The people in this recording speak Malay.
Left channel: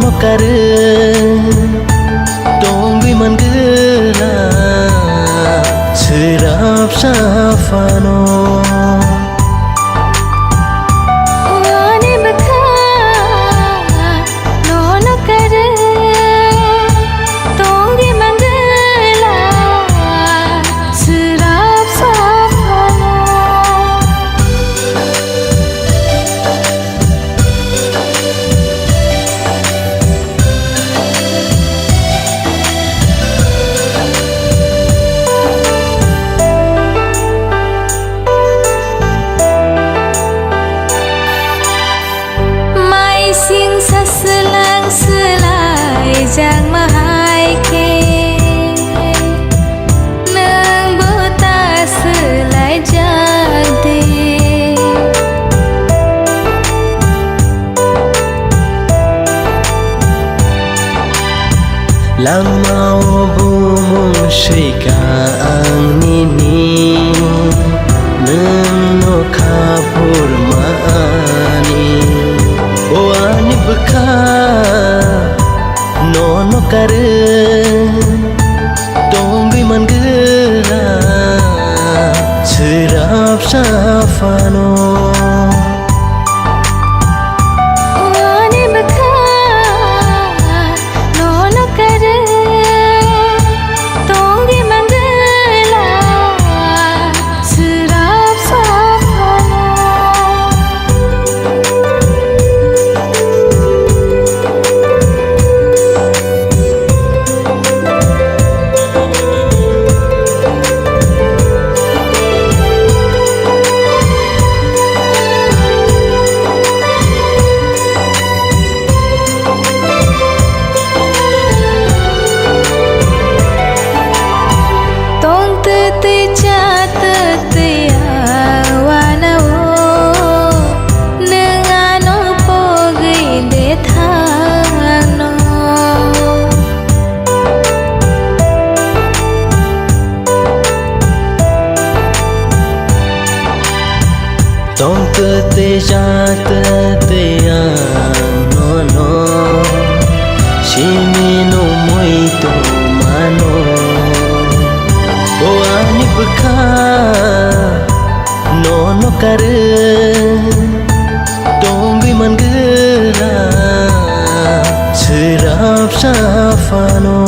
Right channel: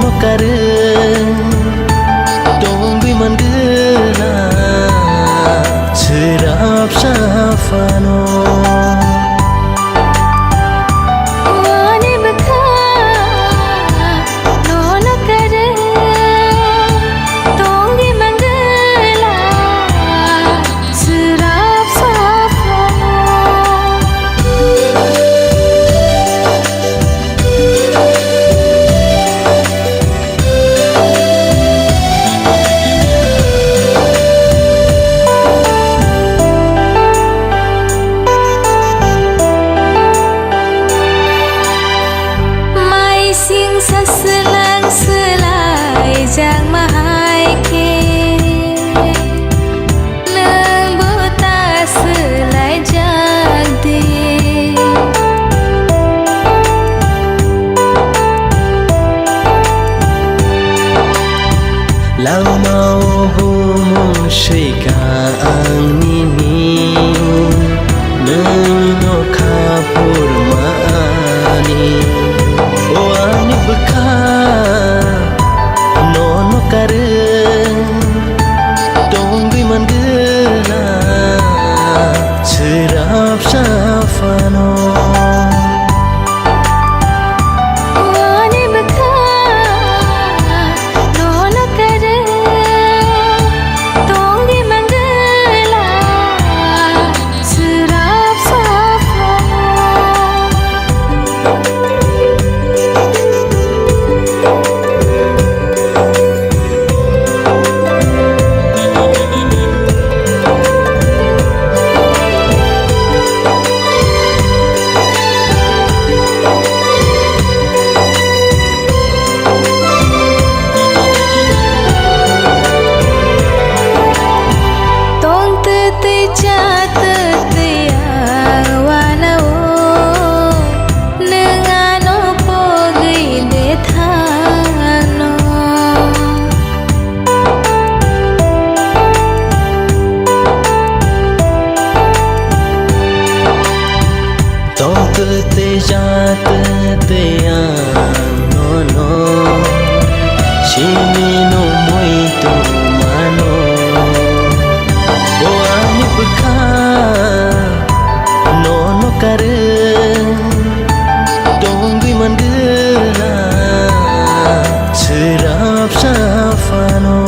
no kare dong bi man gela serap safano Sing sa selang selai jang mahai ke nang buta selai jag di lang mau bumung shika ang nini nang no kapur maani o ani bka no kare dong bi man gela serap safano te cha te ya wana o nengano pogi de thano tong te cha te ya no shimi no muito mano o ani bka no kare dong bi man gela serap safano